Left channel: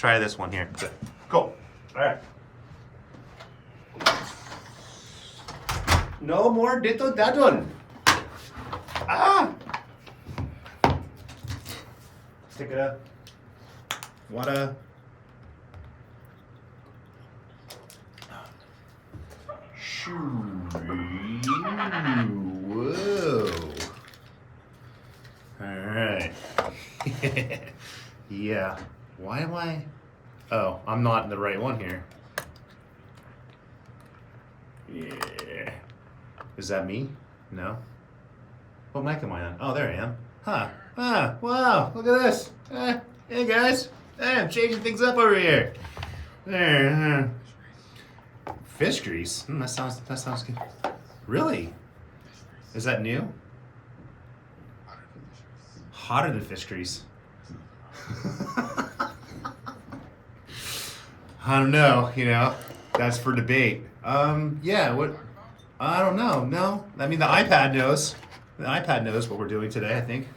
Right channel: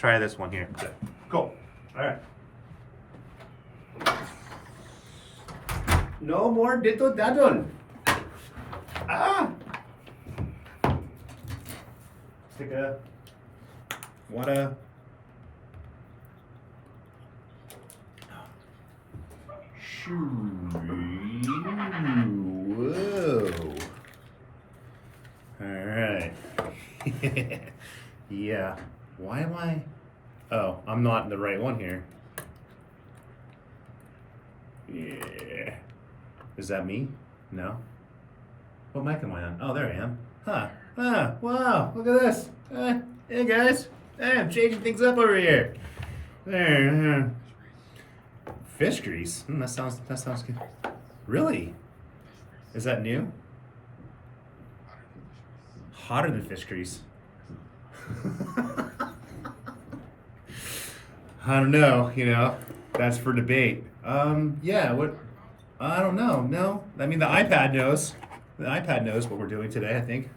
try this one here. Cool. All right. No more dito dadon. Ah. Stick a water. Whoa. All right. Yeah. Why am I? Oh, I'm not in the right one here. Yeah. Is that me? No. What mic am I on? Oh, there I am. Huh. Ah, wow. Look at this. Hey, guys. Hey, I'm changing things up over here. There. Fish grease. That sounds good. Really? Is that new? Hotter than fish grease. I don't know, that's for debate. Yeah, what? I don't know. No, I mean the iPad knows. The iPad knows what we're doing today, I think.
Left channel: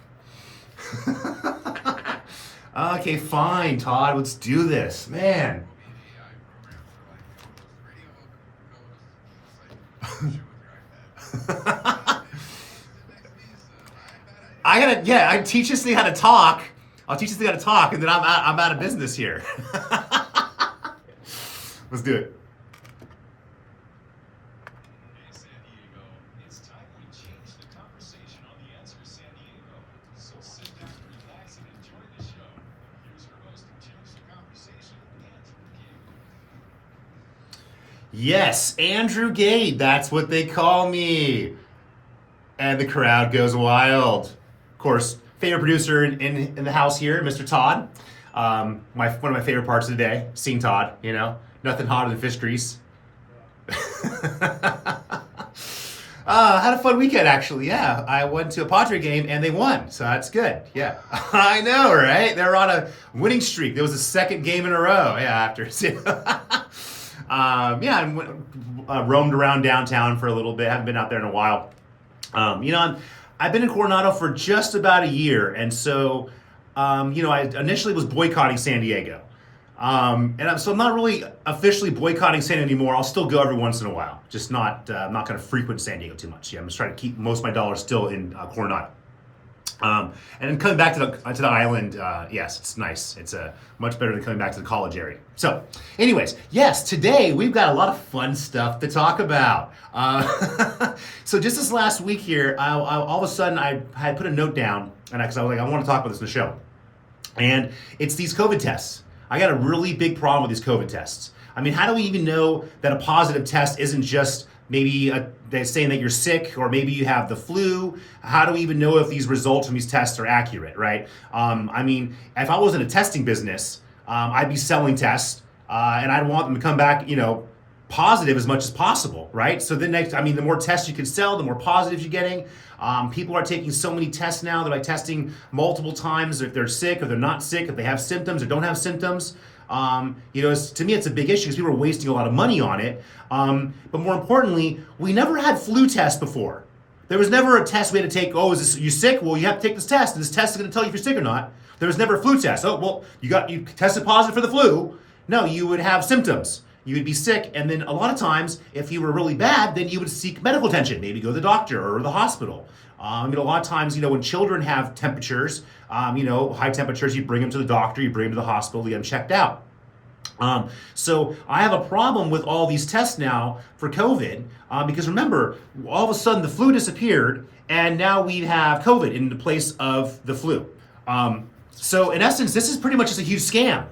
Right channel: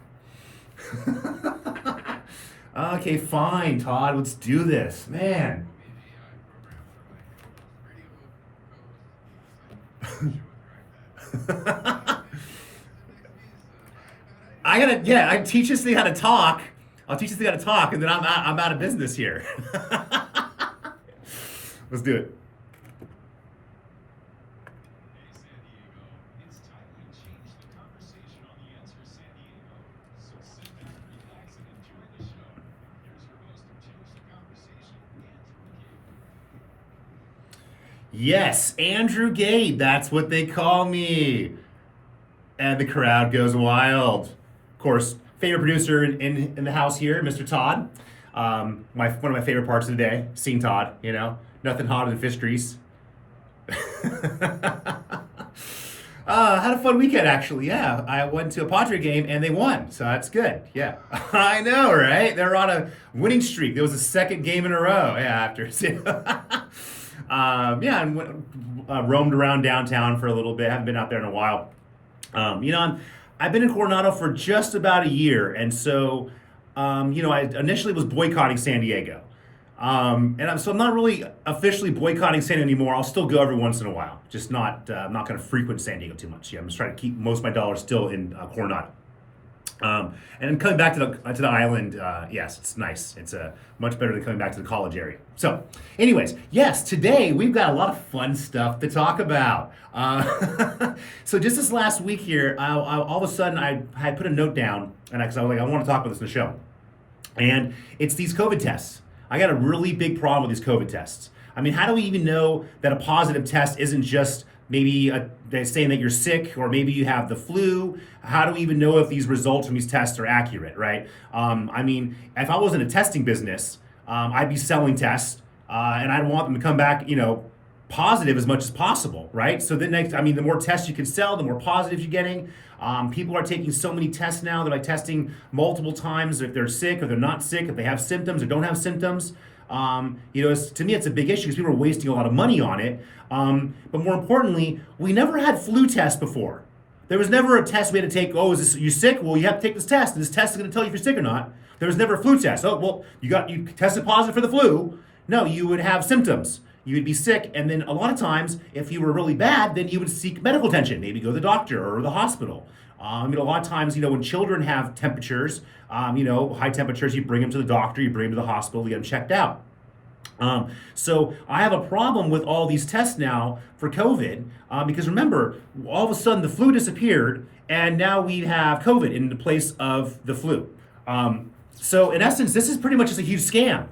Okay, fine, Todd, let's do this, man. I teach this thing how to talk. I'll teach this thing how to talk, and then I'm out of business here. Let's do it. Yes, Andrew Gade, that's what they call me. And the crowd goes wild. Of course, favorite producer in the house here, Mr. Todd. One of my favorite parts of the day, seeing Todd, nothing hotter than fish grease. Had a fun weekend, actually, yeah. I went to a Padre game and they won, so that's good, yeah. I know, right? They're on a winning streak. There was a second game in a row, yeah, after. I roamed around downtown for a little bit. Haven't been out there in a while. I've been in Coronado for just about a year, and so, I initially was boycotting San Diego. So I'm not really officially boycotting San Diego anymore. I'll still go every once in a while, just not going to frequent San Diego too much. Yeah, I'm just trying to keep most of my dollars still in Coronado. And coming back to the island, yes, it's nice. It's much better than coming back to the college area. So, anyways, yes, today we've got a lot of fun stuff to talk about. So just this last week here, all of a sudden I put a note down, and because I was like, I want to talk about this in the show, and it's these COVID tests. I got a really big problem with these COVID tests. I mean, how do we even know that a positive test isn't just maybe they're saying that you're sick, or maybe you have the flu? How do we even know if these results from these tests are accurate, right? I mean, if I was in a testing business, I'd be selling tests, and I'd want them to come back, positive as much as possible, right? So the more tests you can sell, the more positives you're getting. People are taking so many tests now. They're like testing multiple times if they're sick or they're not sick, if they have symptoms or don't have symptoms. To me, it's a big issue because people are wasting a lot of money on it. But more importantly, we never had flu tests before. There was never a test we had to take. Oh, are you sick? Well, you have to take this test, and this test is going to tell you if you're sick or not. There was never a flu test. Oh, well, you tested positive for the flu. No, you would have symptoms. You would be sick, and then a lot of times, if you were really bad, then you would seek medical attention. Maybe go to the doctor or the hospital. A lot of times, when children have temperatures, high temperatures, you bring them to the doctor, you bring them to the hospital, you get them checked out. So I have a problem with all these tests now for COVID, because remember, all of a sudden the flu disappeared, and now we have COVID in the place of the flu. So in essence, this is pretty much just a huge scam.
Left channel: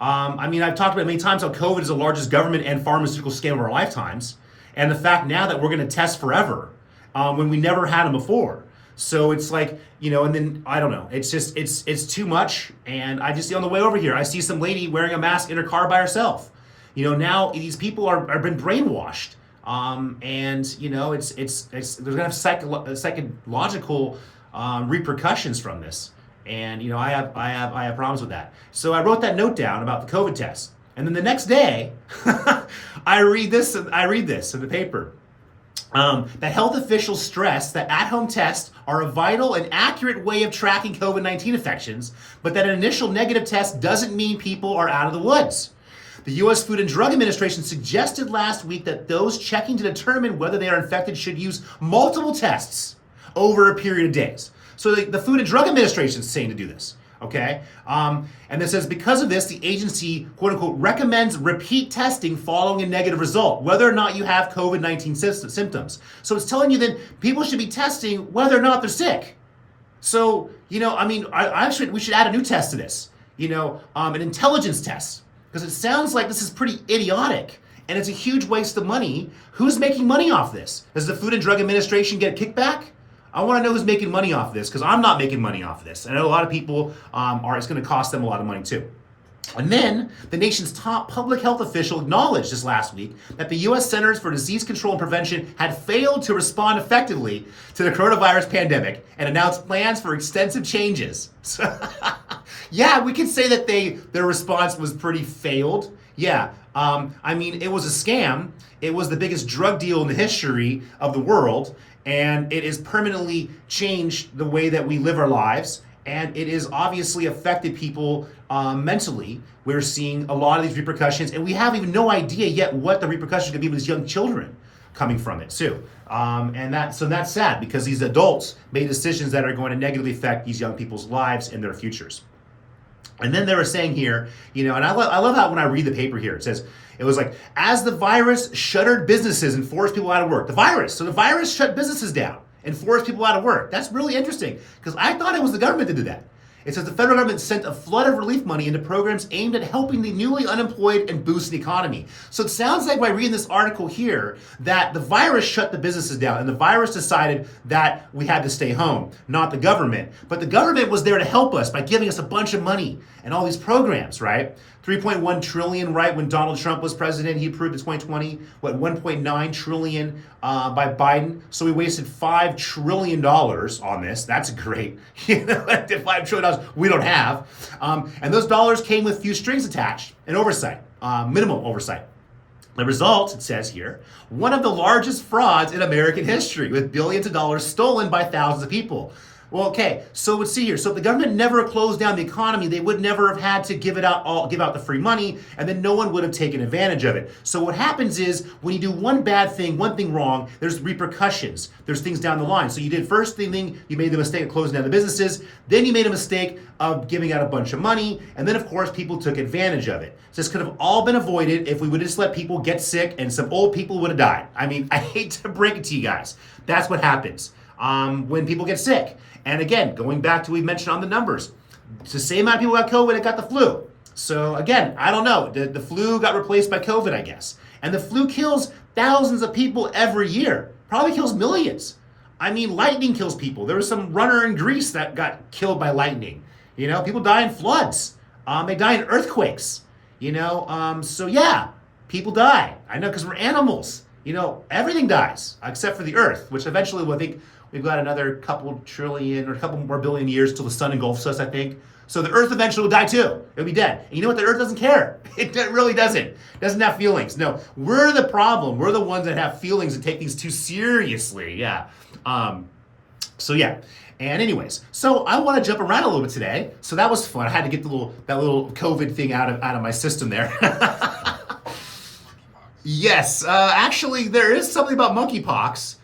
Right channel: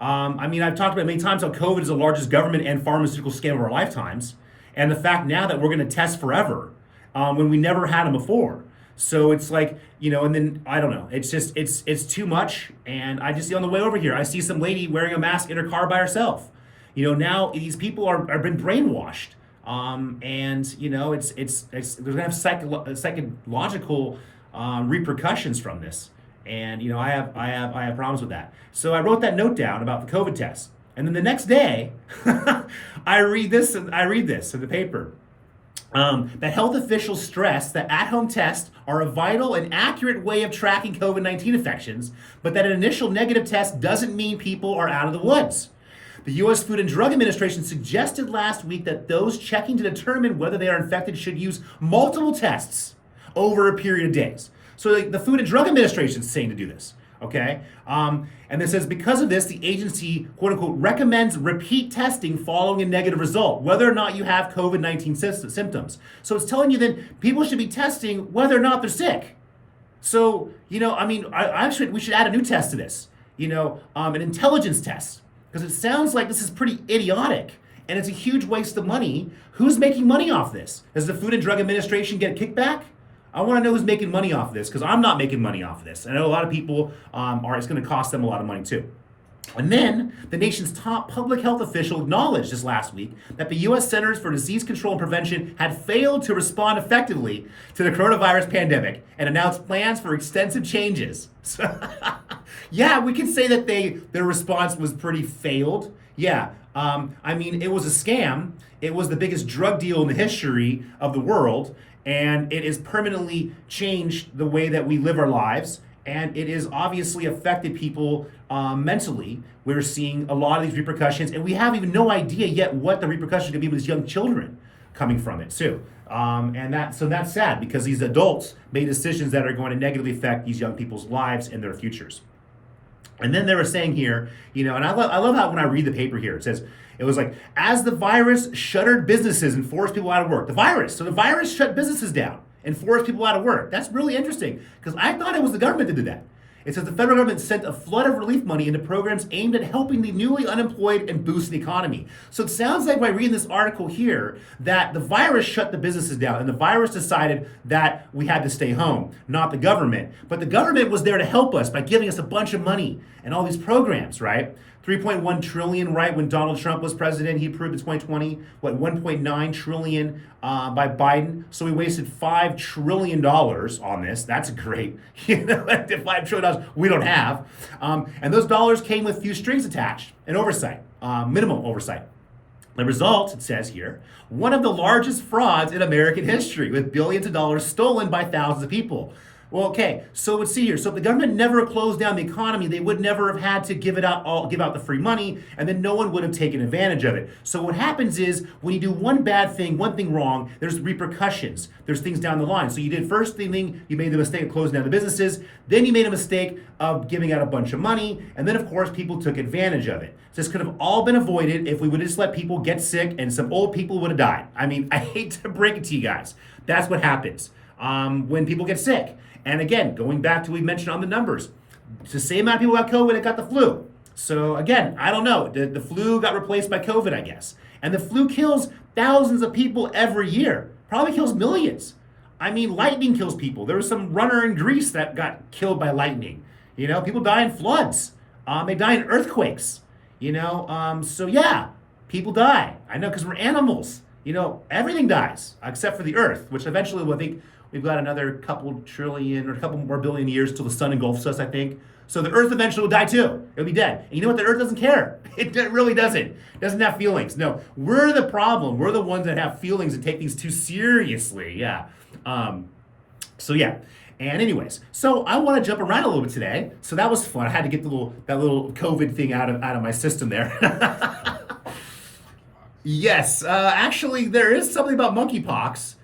I've talked about many times how COVID is the largest government and pharmaceutical scam of our lifetimes, and the fact now that we're going to test forever when we never had them before. So it's like, and then I don't know. It's just it's too much. And I just see on the way over here, I see some lady wearing a mask in her car by herself. Now these people are been brainwashed. It's they're gonna have psychological repercussions from this. And I have problems with that. So I wrote that note down about the COVID test. And then the next day, I read this in the paper. that health officials stress that at-home tests are a vital and accurate way of tracking COVID-19 infections, but that an initial negative test doesn't mean people are out of the woods. The U.S. Food and Drug Administration suggested last week that those checking to determine whether they are infected should use multiple tests over a period of days. So the Food and Drug Administration is saying to do this, okay? And it says, because of this, the agency, quote unquote, recommends repeat testing following a negative result, whether or not you have COVID-19 symptoms. So it's telling you then people should be testing whether or not they're sick. So, you know, I mean, we should add a new test to this, you know, an intelligence test, because it sounds like this is pretty idiotic and it's a huge waste of money. Who's making money off this? Does the Food and Drug Administration get a kickback? I want to know who's making money off this, because I'm not making money off this. I know a lot of people it's going to cost them a lot of money too. And then the nation's top public health official acknowledged just last week that the U.S. Centers for Disease Control and Prevention had failed to respond effectively to the coronavirus pandemic and announced plans for extensive changes. So, yeah, we could say that their response was pretty failed. Yeah, I mean, it was a scam. It was the biggest drug deal in the history of the world. And it has permanently changed the way that we live our lives. And it has obviously affected people mentally. We're seeing a lot of these repercussions, and we have even no idea yet what the repercussions could be with these young children coming from it too. And that's sad, because these adults made decisions that are going to negatively affect these young people's lives and their futures. And then they were saying here, you know, and I love how when I read the paper here, it was like, as the virus shuttered businesses and forced people out of work. The virus shut businesses down and forced people out of work. That's really interesting, because I thought it was the government that did that. It says the federal government sent a flood of relief money into programs aimed at helping the newly unemployed and boost the economy. So it sounds like by reading this article here that the virus shut the businesses down and the virus decided that we had to stay home, not the government. But the government was there to help us by giving us a bunch of money and all these programs, right? 3.1 trillion, right? When Donald Trump was president, he approved in 2020, 1.9 trillion by Biden. So we wasted $5 trillion on this. That's great. You know, $5 trillion we don't have. And those dollars came with few strings attached and oversight, minimal oversight. The result, it says here, one of the largest frauds in American history, with billions of dollars stolen by thousands of people. Well, okay, so let's see here. So if the government never closed down the economy, they would never have had to give out the free money, and then no one would have taken advantage of it. So what happens is, when you do one bad thing, one thing wrong, there's repercussions. There's things down the line. So you did first thing, you made the mistake of closing down the businesses, then you made a mistake of giving out a bunch of money, and then of course people took advantage of it. So this could have all been avoided if we would have just let people get sick and some old people would have died. I mean, I hate to break it to you guys. That's what happens when people get sick. And again, going back to what we mentioned on the numbers, it's the same amount of people got COVID that got the flu. So again, I don't know. The flu got replaced by COVID, I guess. And the flu kills thousands of people every year. Probably kills millions. I mean, lightning kills people. There was some runner in Greece that got killed by lightning. You know, people die in floods. They die in earthquakes. You know, so yeah, people die. I know, because we're animals. You know, everything dies except for the earth, which eventually will, I think, we've got another couple trillion or a couple more billion years till the sun engulfs us, I think. So the earth eventually will die too. It'll be dead. And you know what? The earth doesn't care. It really doesn't. It doesn't have feelings. No, we're the problem. We're the ones that have feelings and take things too seriously. Yeah. So yeah. And anyways, so I want to jump around a little bit today. So that was fun. I had to get that little COVID thing out of my system there. Yes. Actually, there is something about monkeypox.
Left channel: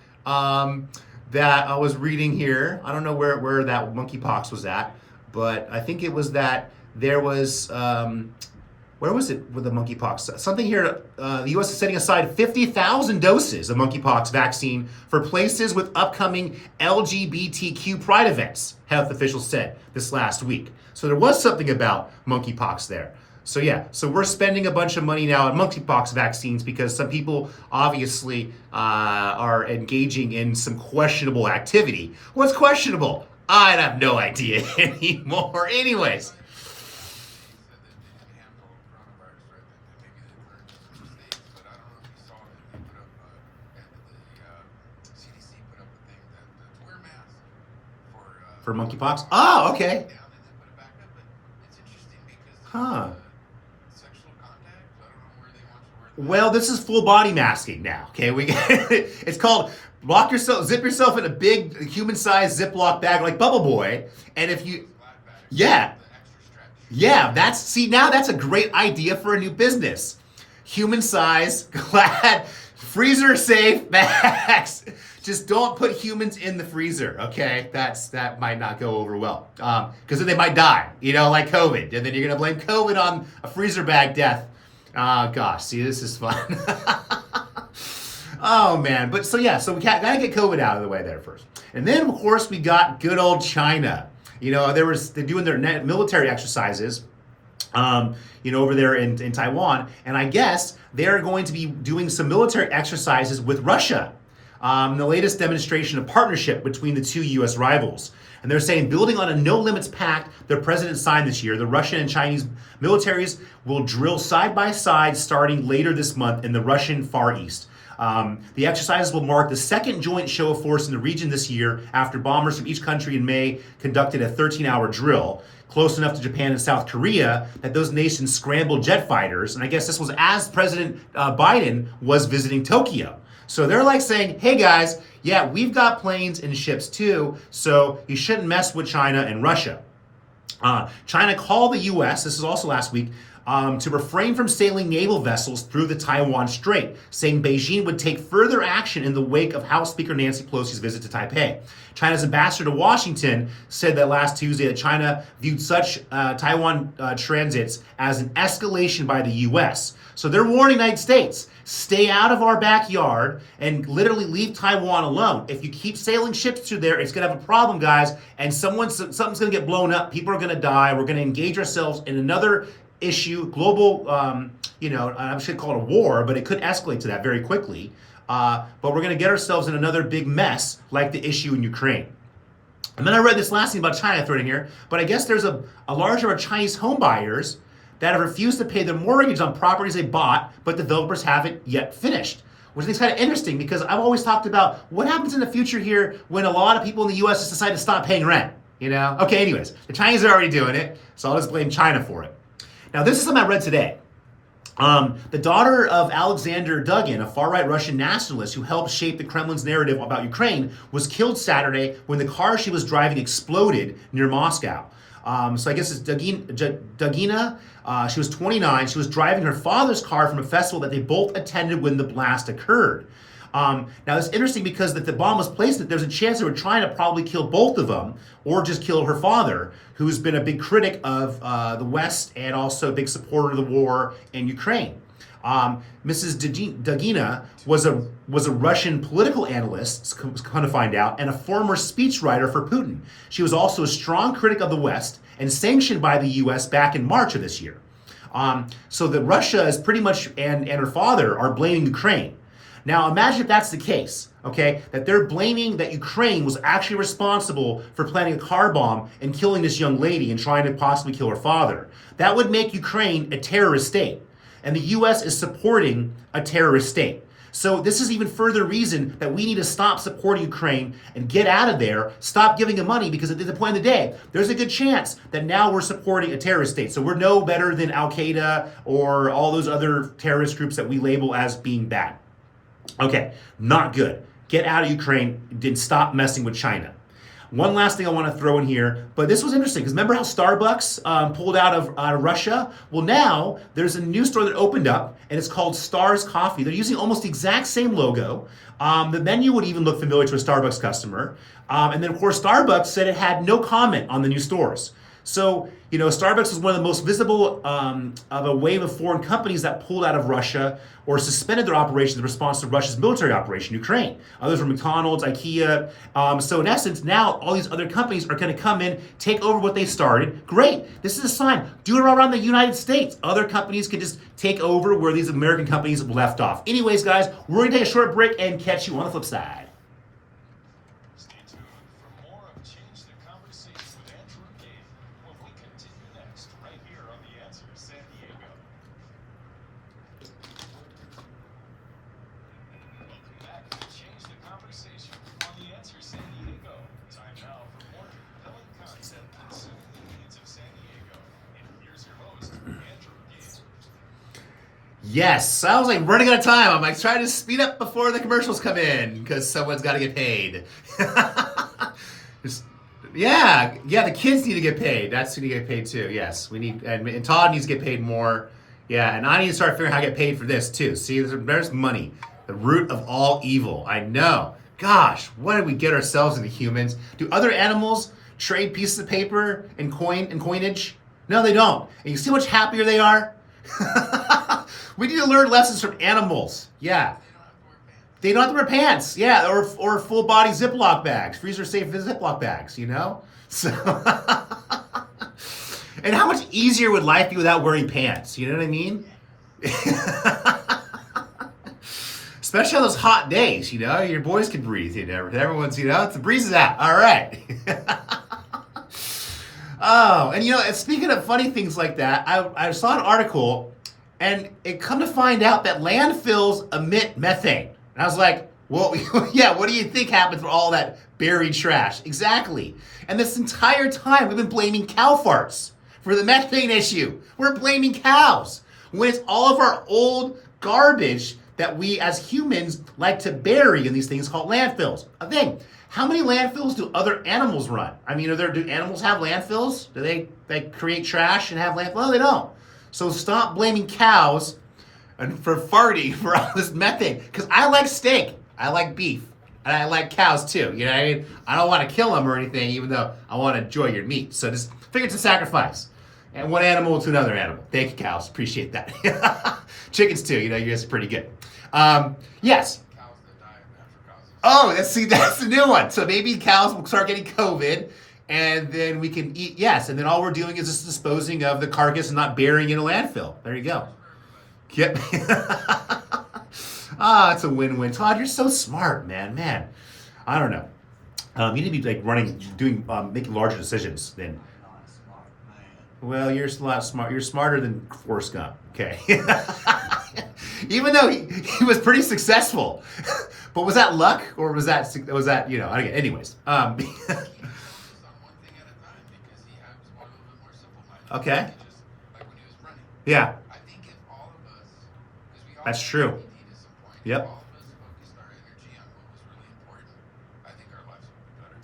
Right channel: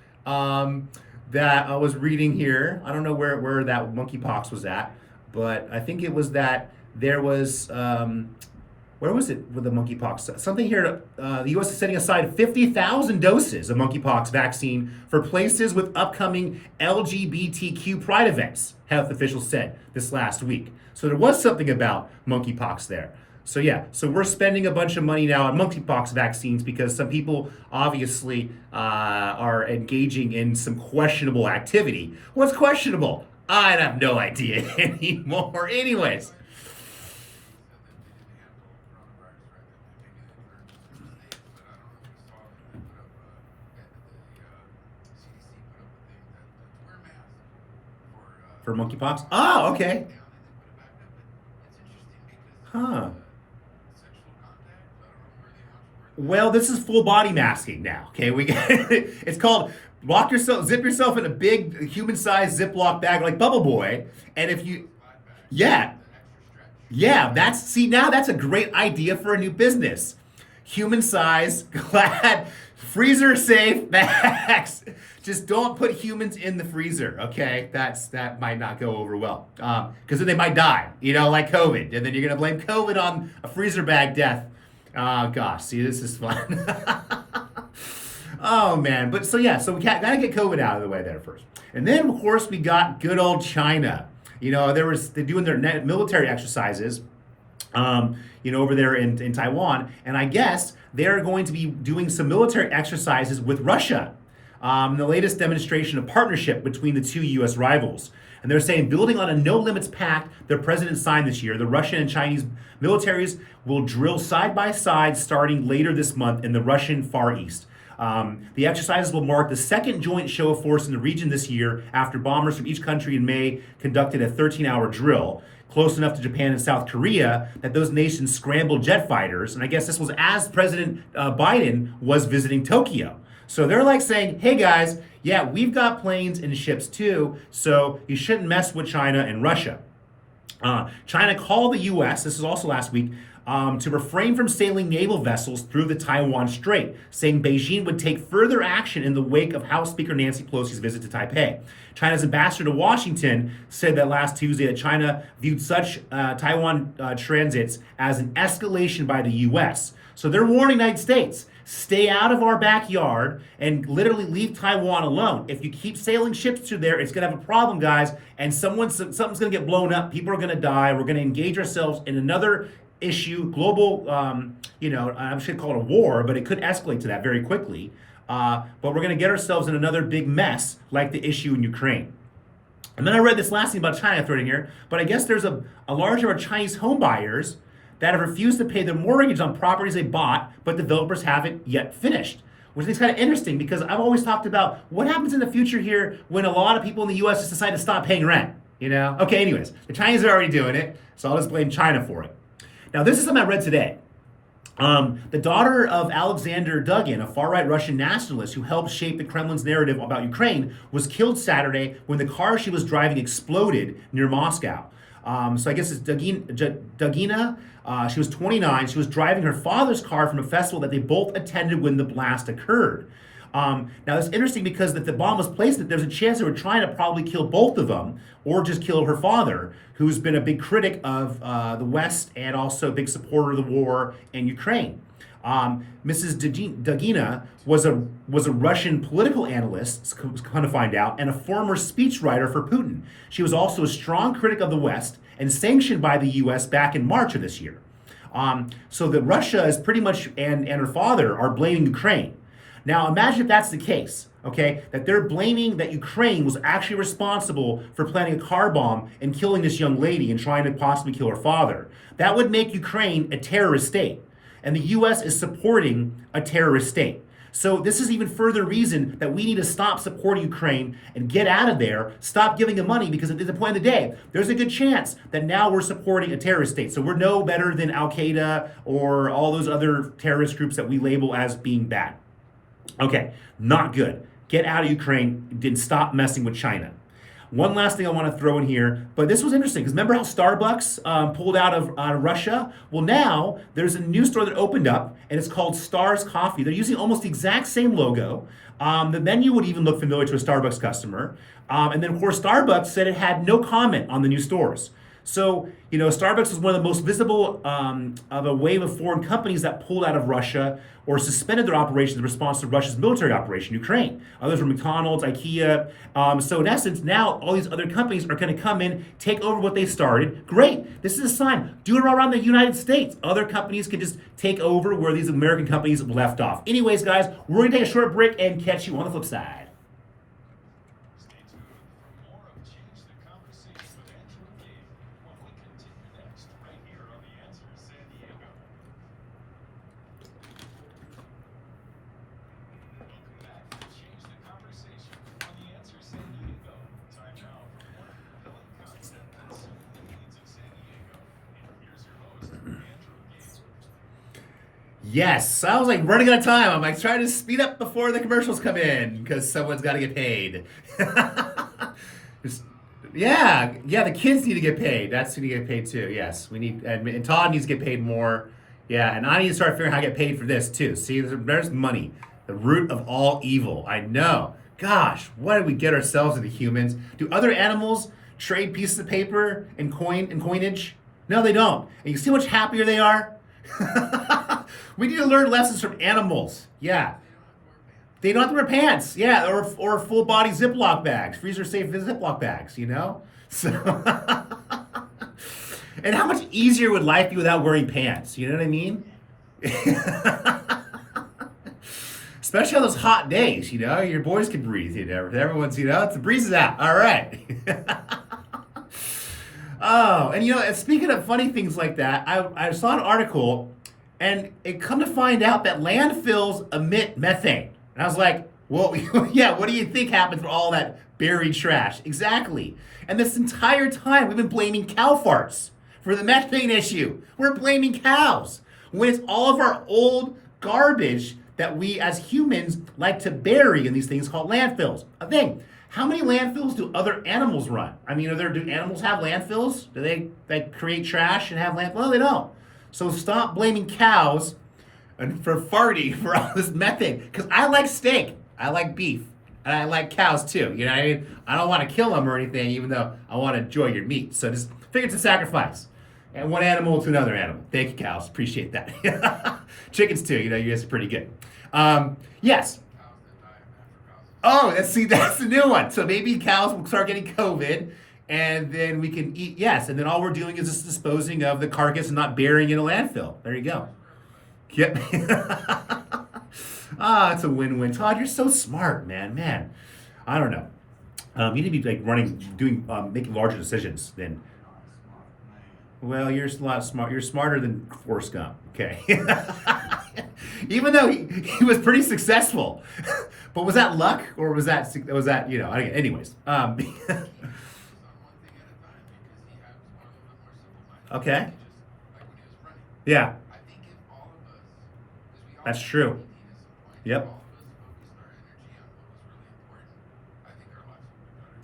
That I was reading here. I don't know where that monkeypox was at, but I think it was that there was, where was it with the monkeypox? Something here, the U.S. is setting aside 50,000 doses of monkeypox vaccine for places with upcoming LGBTQ pride events, health officials said this last week. So there was something about monkeypox there. So yeah, so we're spending a bunch of money now on monkeypox vaccines because some people obviously are engaging in some questionable activity. What's questionable? I have no idea anymore. Anyways. For monkeypox? Oh, okay. Huh. Well, this is full body masking now. Okay, it's called zip yourself in a big human-sized Ziploc bag like Bubble Boy, and if you, yeah, yeah, now that's a great idea for a new business. Human size, glad, freezer safe bags. Just don't put humans in the freezer, okay? That might not go over well. Because then they might die, like COVID. And then you're gonna blame COVID on a freezer bag death. Gosh, see, this is fun. Oh man, but so yeah, so we gotta get COVID out of the way there first. And then of course we got good old China. They're doing their military exercises, over there in Taiwan, and I guess they're going to be doing some military exercises with Russia. The latest demonstration of partnership between the two U.S. rivals. And they're saying, building on a no-limits pact the president signed this year, the Russian and Chinese militaries will drill side by side starting later this month in the Russian Far East. The exercises will mark the second joint show of force in the region this year after bombers from each country in May conducted a 13-hour drill, close enough to Japan and South Korea that those nations scrambled jet fighters. And I guess this was as President Biden was visiting Tokyo. So they're like saying, hey guys, yeah, we've got planes and ships too, so you shouldn't mess with China and Russia. China called the U.S., this is also last week, to refrain from sailing naval vessels through the Taiwan Strait, saying Beijing would take further action in the wake of House Speaker Nancy Pelosi's visit to Taipei. China's ambassador to Washington said that last Tuesday that China viewed such Taiwan transits as an escalation by the U.S. So they're warning the United States, stay out of our backyard and literally leave Taiwan alone. If you keep sailing ships through there, it's going to have a problem, guys, and something's going to get blown up. People are going to die. We're going to engage ourselves in another issue, global, I should call it a war, but it could escalate to that very quickly. But we're going to get ourselves in another big mess like the issue in Ukraine. And then I read this last thing about China thrown in here, but I guess there's a large number of Chinese home buyers that have refused to pay their mortgage on properties they bought, but developers haven't yet finished. Which is kind of interesting because I've always talked about what happens in the future here when a lot of people in the U.S. just decide to stop paying rent, Okay, anyways, the Chinese are already doing it, so I'll just blame China for it. Now, this is something I read today. The daughter of Alexander Dugin, a far-right Russian nationalist who helped shape the Kremlin's narrative about Ukraine, was killed Saturday when the car she was driving exploded near Moscow. So I guess it's Dugina. She was 29. She was driving her father's car from a festival that they both attended when the blast occurred. Now it's interesting because if the bomb was placed, there's a chance they were trying to probably kill both of them or just kill her father, who's been a big critic of the West and also a big supporter of the war in Ukraine. Mrs. Dugina was a Russian political analyst, come to find out, and a former speechwriter for Putin. She was also a strong critic of the West and sanctioned by the U.S. back in March of this year. So that Russia is pretty much, and her father are blaming Ukraine. Now imagine if that's the case, okay, that they're blaming that Ukraine was actually responsible for planting a car bomb and killing this young lady and trying to possibly kill her father. That would make Ukraine a terrorist state. And the U.S. is supporting a terrorist state. So this is even further reason that we need to stop supporting Ukraine and get out of there, stop giving them money, because at the point of the day, there's a good chance that now we're supporting a terrorist state. So we're no better than Al-Qaeda or all those other terrorist groups that we label as being bad. Okay, not good. Get out of Ukraine and stop messing with China. One last thing I want to throw in here, but this was interesting because remember how Starbucks pulled out of Russia? Well, now there's a new store that opened up and it's called Stars Coffee. They're using almost the exact same logo. The menu would even look familiar to a Starbucks customer. And then, of course, Starbucks said it had no comment on the new stores. So, Starbucks was one of the most visible of a wave of foreign companies that pulled out of Russia or suspended their operations in response to Russia's military operation in Ukraine. Others were McDonald's, IKEA. So in essence, now all these other companies are going to come in, take over what they started. Great. This is a sign. Do it around the United States. Other companies can just take over where these American companies left off. Anyways, guys, we're going to take a short break and catch you on the flip side. Yes, I was like running out of time. I'm like trying to speed up before the commercials come in because someone's got to get paid. Just- yeah, the kids need to get paid. That's who need to get paid too. Yes, we need, and Todd needs to get paid more. Yeah, and I need to start figuring out how to get paid for this too. See, there's money, the root of all evil. I know. Gosh, what did we get ourselves into, humans? Do other animals trade pieces of paper and coinage? No, they don't. And you see how much happier they are? We need to learn lessons from animals. Yeah. They don't have to wear pants. Yeah, or full body Ziploc bags, freezer safe Ziploc bags, you know? So and how much easier would life be without wearing pants? You know what I mean? Especially on those hot days, you know, your boys can breathe, you know. Everyone's, you know, the breeze is out. All right. Oh, and you know, and speaking of funny things like that, I saw an article and it come to find out that landfills emit methane. And I was like, well, yeah, what do you think happens for all that buried trash? Exactly. And this entire time we've been blaming cow farts for the methane issue. We're blaming cows when it's all of our old garbage that we as humans like to bury in these things called landfills. A thing. How many landfills do other animals run? I mean, do animals have landfills? Do they create trash and have landfills? Well, they don't. So stop blaming cows and for farting for all this methane. Because I like steak, I like beef, and I like cows too. You know what I mean? I don't want to kill them or anything, even though I want to enjoy your meat. So just figure it's a sacrifice. And one animal to another animal. Thank you, cows. Appreciate that. Chickens too. You know, you guys are pretty good. Yes. Oh, that's the new one. So maybe cows will start getting COVID, and then we can eat. Yes, and then all we're doing is just disposing of the carcass and not burying in a landfill. There you go. Yep. It's a win-win. Todd, you're so smart, man. Man, I don't know. You need to be like making larger decisions than. Well, you're a lot smart. You're smarter than Forrest Gump. Okay. Even though he was pretty successful, but was that luck or was that you know? Anyways. Okay. Yeah. That's true. Yep.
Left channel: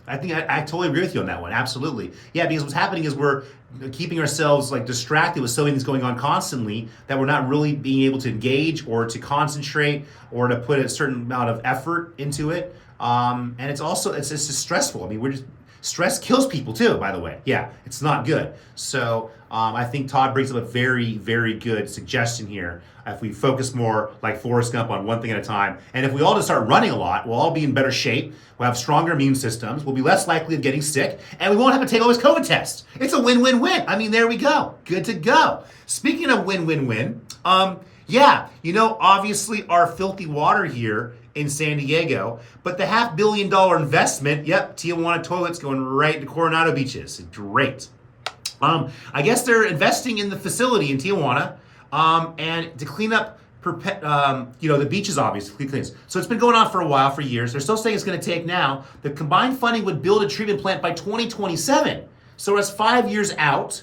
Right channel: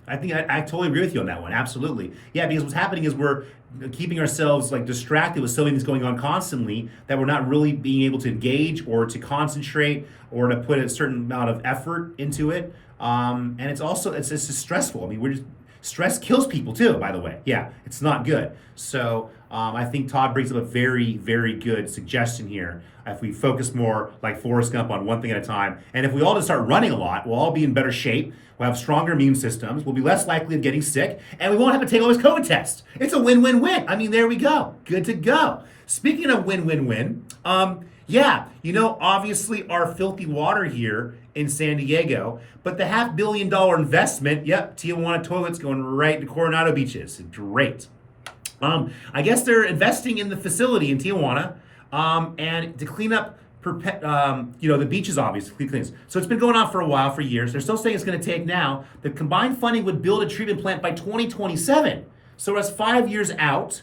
I totally agree with you on that one. Absolutely. Yeah, because what's happening is we're keeping ourselves like distracted with so many things going on constantly that we're not really being able to engage or to concentrate or to put a certain amount of effort into it. And it's also it's just stressful. I mean, stress kills people too, by the way. Yeah, it's not good. So I think Todd brings up a very, very good suggestion here. If we focus more like Forrest Gump on one thing at a time, and if we all just start running a lot, we'll all be in better shape. We'll have stronger immune systems. We'll be less likely of getting sick, and we won't have to take all these COVID tests. It's a win-win-win. I mean, there we go. Good to go. Speaking of win-win-win, yeah, you know, obviously our filthy water here in San Diego, but the $500 million investment, yep, Tijuana toilets going right into Coronado beaches. Great. I guess they're investing in the facility in Tijuana, and to clean up, the beaches, obviously cleans. So it's been going on for a while, for years. They're still saying it's going to take now. The combined funding would build a treatment plant by 2027. So it's 5 years out.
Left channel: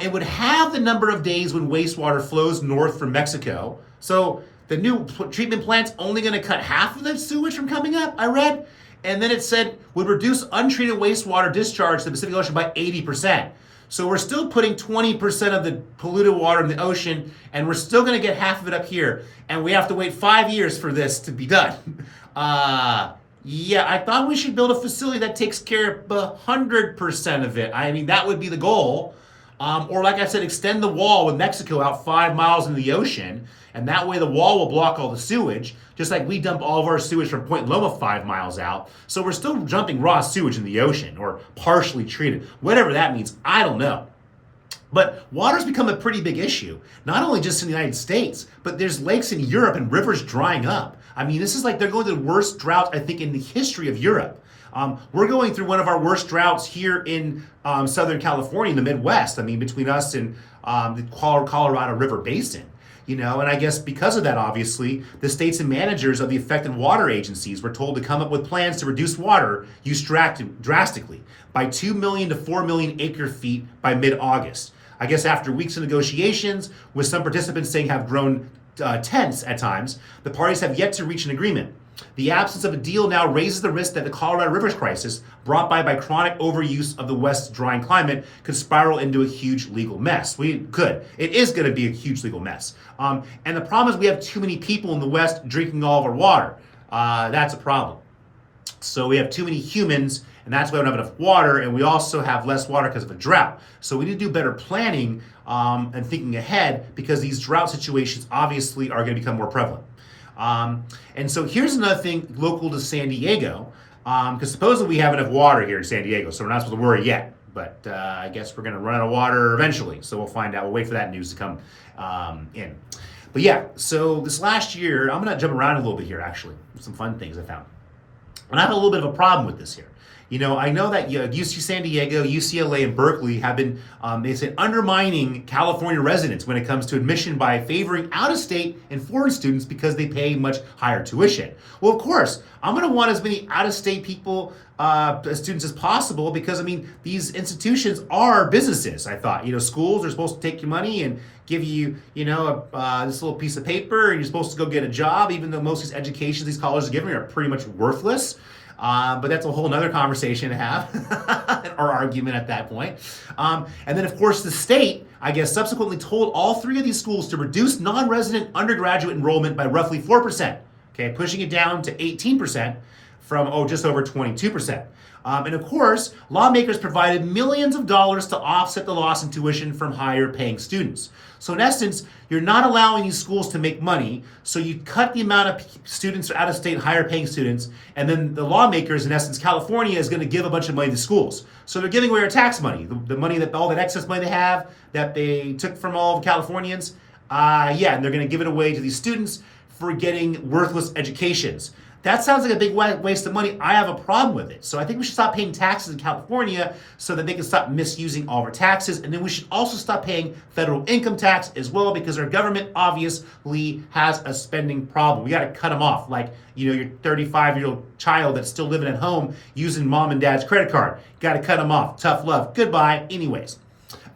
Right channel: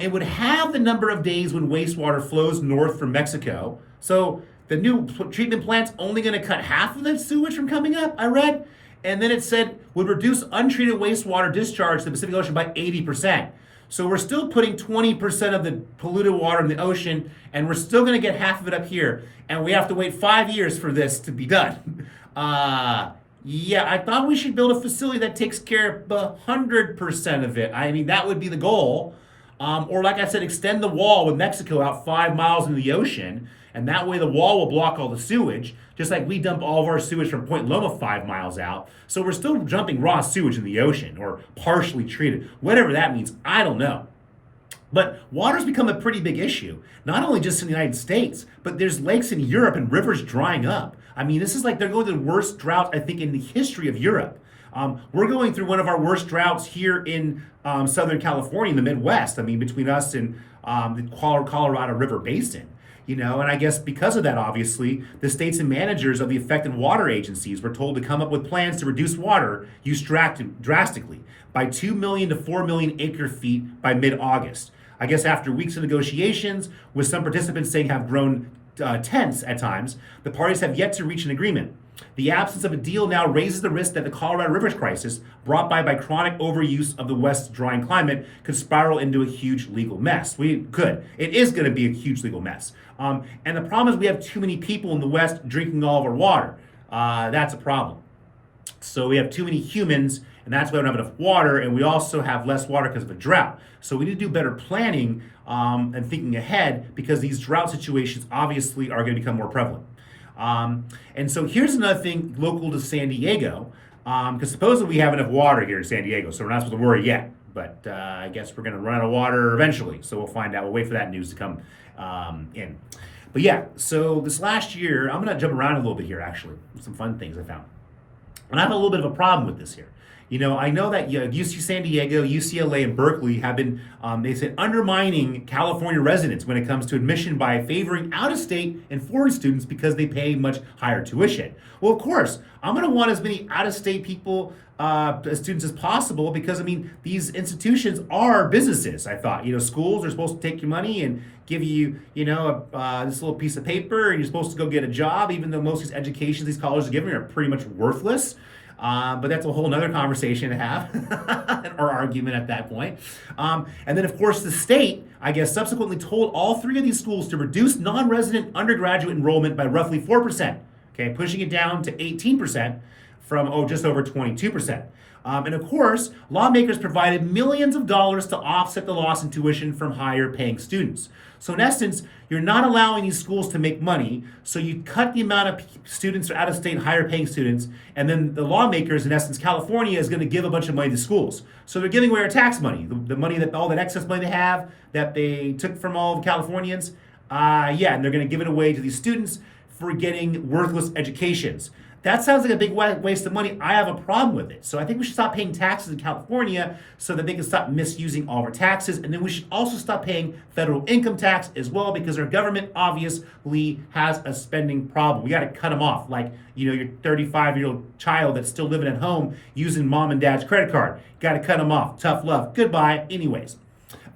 It would have the number of days when wastewater flows north from Mexico. So the new treatment plant's only going to cut half of the sewage from coming up, I read. And then it said would reduce untreated wastewater discharge to the Pacific Ocean by 80%. So we're still putting 20% of the polluted water in the ocean, and we're still going to get half of it up here. And we have to wait 5 years for this to be done. Yeah, I thought we should build a facility that takes care of 100% of it. I mean, that would be the goal. Or like I said, extend the wall with Mexico out 5 miles into the ocean, and that way the wall will block all the sewage, just like we dump all of our sewage from Point Loma 5 miles out. So we're still dumping raw sewage in the ocean, or partially treated, whatever that means, I don't know. But water's become a pretty big issue, not only just in the United States, but there's lakes in Europe and rivers drying up. I mean, this is like they're going through the worst drought, I think, in the history of Europe. We're going through one of our worst droughts here in Southern California, in the Midwest. I mean, between us and the Colorado River Basin. You know, and I guess because of that, obviously, the states and managers of the affected water agencies were told to come up with plans to reduce water use drastically by 2 million to 4 million acre feet by mid-August. I guess after weeks of negotiations, with some participants saying have grown tense at times, the parties have yet to reach an agreement. The absence of a deal now raises the risk that the Colorado Rivers crisis, brought by chronic overuse of the West's drying climate, could spiral into a huge legal mess. It is going to be a huge legal mess. And the problem is we have too many people in the West drinking all of our water. That's a problem. So we have too many humans, and that's why we don't have enough water, and we also have less water because of a drought. So we need to do better planning and thinking ahead, because these drought situations obviously are going to become more prevalent. And so here's another thing local to San Diego, because supposedly we have enough water here in San Diego, so we're not supposed to worry yet. But I guess we're going to run out of water eventually, so we'll find out. We'll wait for that news to come in. But yeah, so this last year, I'm going to jump around a little bit here, actually. Some fun things I found. And I have a little bit of a problem with this here. You know, I know that UC San Diego, UCLA, and Berkeley have been, they said, undermining California residents when it comes to admission by favoring out-of-state and foreign students because they pay much higher tuition. Well, of course, I'm going to want as many out-of-state people, students as possible, because, I mean, these institutions are businesses, I thought. You know, schools are supposed to take your money and give you, you know, this little piece of paper, and you're supposed to go get a job, even though most of these educations these colleges are giving are pretty much worthless. But that's a whole nother conversation to have, or argument at that point. And then, of course, the state, I guess, subsequently told all three of these schools to reduce non-resident undergraduate enrollment by roughly 4%, okay, pushing it down to 18% from, just over 22%. And of course, lawmakers provided millions of dollars to offset the loss in tuition from higher paying students. So in essence, you're not allowing these schools to make money, so you cut the amount of students out of state, higher paying students, and then the lawmakers, in essence, California is going to give a bunch of money to schools. So they're giving away our tax money, the money that all that excess money they have that they took from all the Californians, and they're going to give it away to these students for getting worthless educations. That sounds like a big waste of money. I have a problem with it. So I think we should stop paying taxes in California so that they can stop misusing all of our taxes. And then we should also stop paying federal income tax as well, because our government obviously has a spending problem. We got to cut them off. Like, you know, your 35-year-old child that's still living at home using mom and dad's credit card. Got to cut them off. Tough love. Goodbye. Anyways,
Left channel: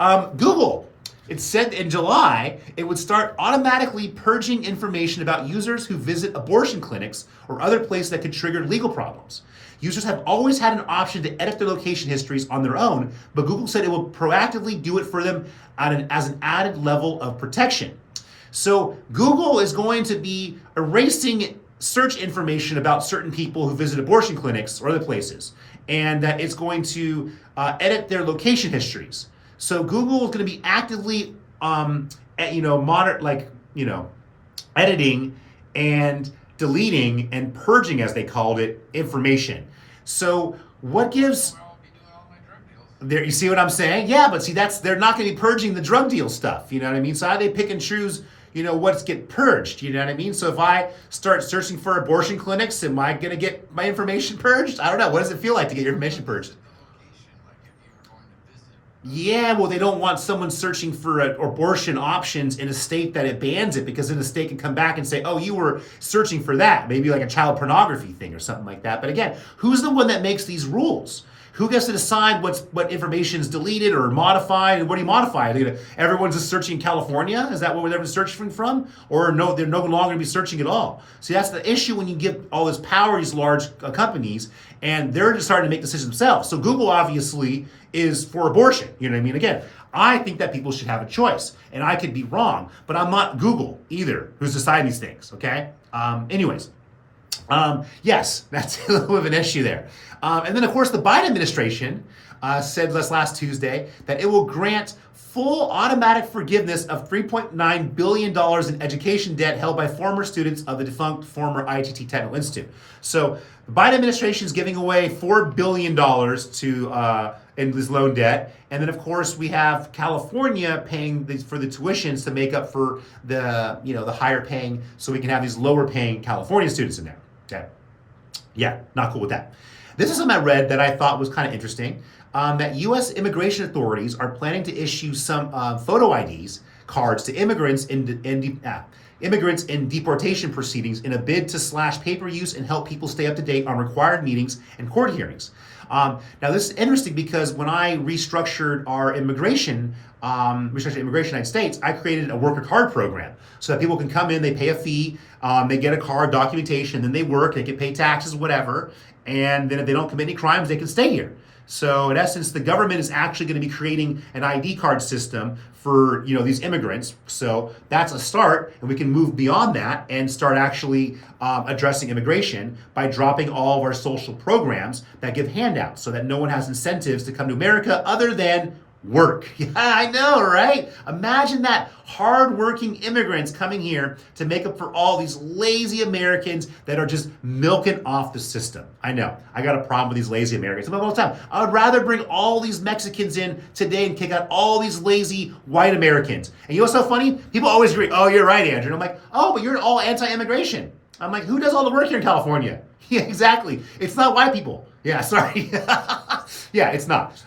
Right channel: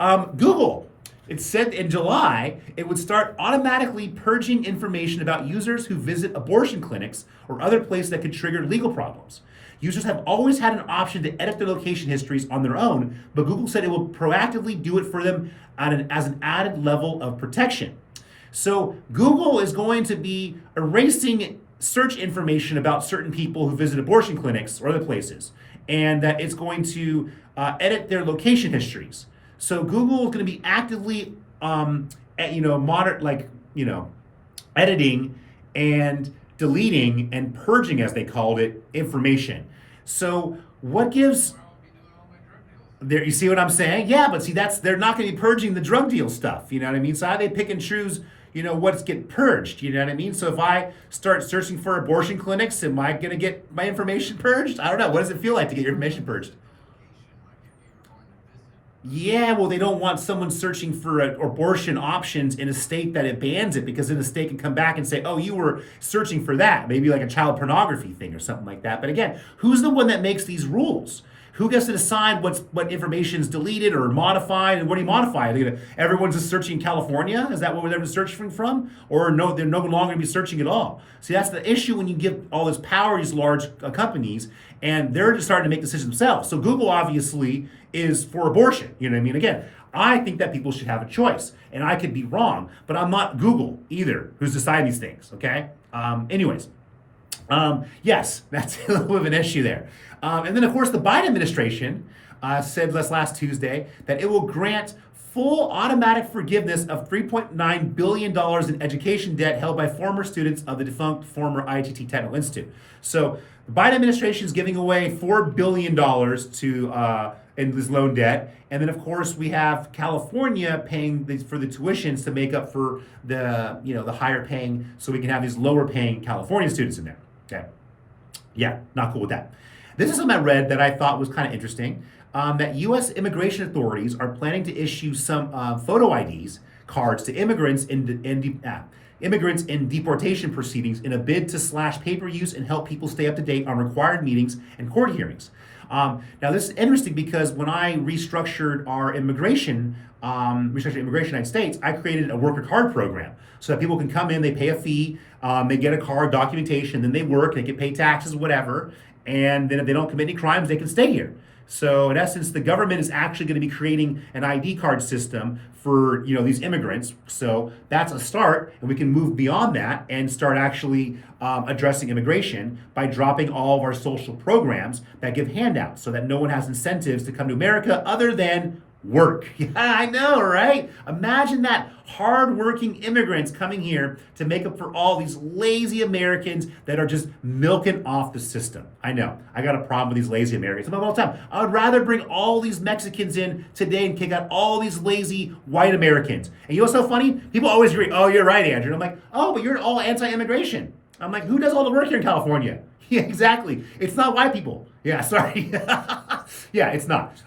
Google. It said in July it would start automatically purging information about users who visit abortion clinics or other places that could trigger legal problems. Users have always had an option to edit their location histories on their own, but Google said it will proactively do it for them as an added level of protection. So Google is going to be erasing search information about certain people who visit abortion clinics or other places, and it's going to edit their location histories. So Google is going to be actively, editing and deleting and purging, as they called it, information. So what gives? There, you see what I'm saying? Yeah, but see, they're not going to be purging the drug deal stuff. You know what I mean? So how do they pick and choose? You know, what's get purged? You know what I mean? So if I start searching for abortion clinics, am I going to get my information purged? I don't know. What does it feel like to get your information purged? Yeah, well, they don't want someone searching for abortion options in a state that it bans it, because then the state can come back and say, oh, you were searching for that. Maybe like a child pornography thing or something like that. But again, who's the one that makes these rules? Who gets to decide what information is deleted or modified? And what do you modify? Everyone's just searching California? Is that what everyone's searching from? Or no, they're no longer going to be searching at all. See, that's the issue when you give all this power to these large companies, and they're just starting to make decisions themselves. So Google obviously is for abortion. You know what I mean? Again, I think that people should have a choice, and I could be wrong, but I'm not Google either, who's deciding these things, okay? Yes, that's a little bit of an issue there. And then, of course, the Biden administration said last Tuesday that it will grant full automatic forgiveness of $3.9 billion in education debt held by former students of the defunct former ITT Technical Institute. So the Biden administration is giving away $4 billion to in this loan debt. And then, of course, we have California paying for the tuitions to make up for the higher paying, so we can have these lower paying California students in there. Okay. Yeah, not cool with that. This is something I read that I thought was kind of interesting, that U.S. immigration authorities are planning to issue some photo IDs cards to immigrants in deportation proceedings in a bid to slash paper use and help people stay up to date on required meetings and court hearings. Now this is interesting because when I restructured our restructured immigration in the United States, I created a worker card program so that people can come in, they pay a fee, they get a card, documentation, then they work, they can pay taxes, whatever, and then if they don't commit any crimes, they can stay here. So in essence, the government is actually going to be creating an ID card system for these immigrants. So that's a start, and we can move beyond that and start actually addressing immigration by dropping all of our social programs that give handouts, so that no one has incentives to come to America other than work. Yeah, I know, right? Imagine that, hardworking immigrants coming here to make up for all these lazy Americans that are just milking off the system. I know, I got a problem with these lazy Americans. I'm all the time. I would rather bring all these Mexicans in today and kick out all these lazy white Americans. And you know what's so funny? People always agree, oh, you're right, Andrew. And I'm like, oh, but you're all anti-immigration. I'm like, who does all the work here in California? Yeah, exactly. It's not white people. Yeah, sorry. Yeah, it's not.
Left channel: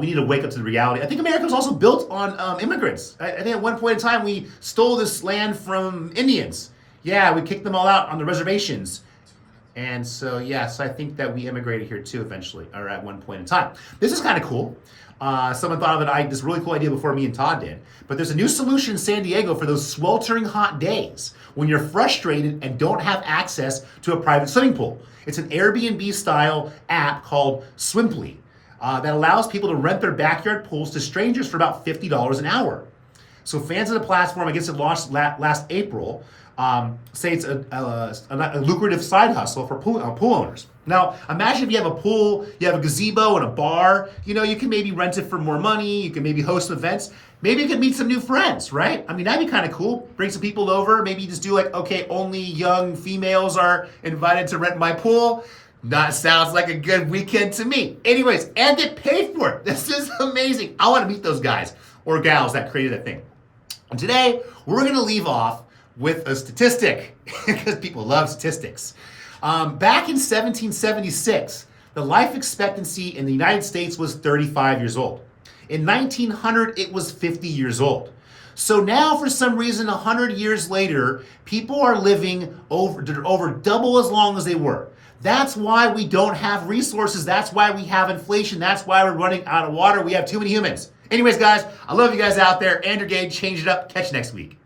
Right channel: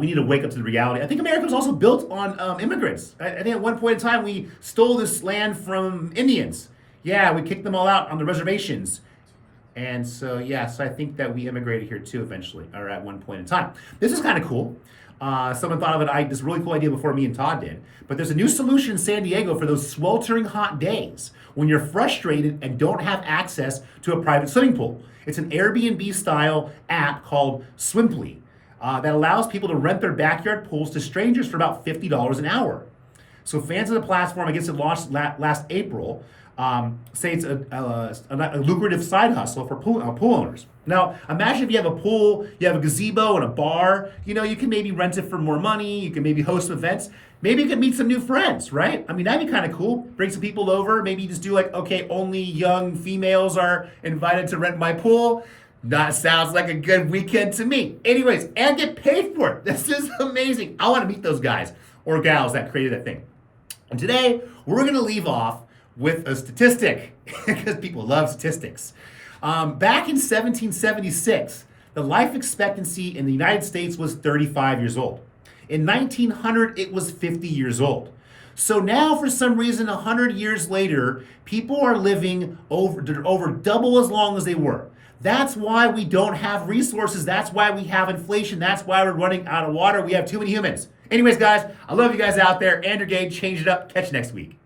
We need to wake up to the reality. I think America was also built on immigrants. I think at one point in time we stole this land from Indians. Yeah, we kicked them all out on the reservations. And so, yes, I think that we immigrated here too eventually, or at one point in time. This is kind of cool. Someone thought of this really cool idea before me and Todd did. But there's a new solution in San Diego for those sweltering hot days when you're frustrated and don't have access to a private swimming pool. It's an Airbnb style app called Swimply. That allows people to rent their backyard pools to strangers for about $50 an hour. So fans of the platform, I guess it launched last April, say it's a lucrative side hustle for pool owners. Now, imagine if you have a pool, you have a gazebo and a bar, you can maybe rent it for more money, you can maybe host events, maybe you can meet some new friends, right? I mean, that'd be kind of cool. Bring some people over, maybe you just do only young females are invited to rent my pool. That sounds like a good weekend to me. Anyways, and get paid for it. This is amazing. I want to meet those guys or gals that created that thing. And today, we're going to leave off with a statistic because people love statistics. Back in 1776, the life expectancy in the United States was 35 years old. In 1900, it was 50 years old. So now, for some reason, 100 years later, people are living over double as long as they were. That's why we don't have resources. That's why we have inflation. That's why we're running out of water. We have too many humans. Anyways, guys, I love you guys out there. Andrew Gage, change it up. Catch you next week.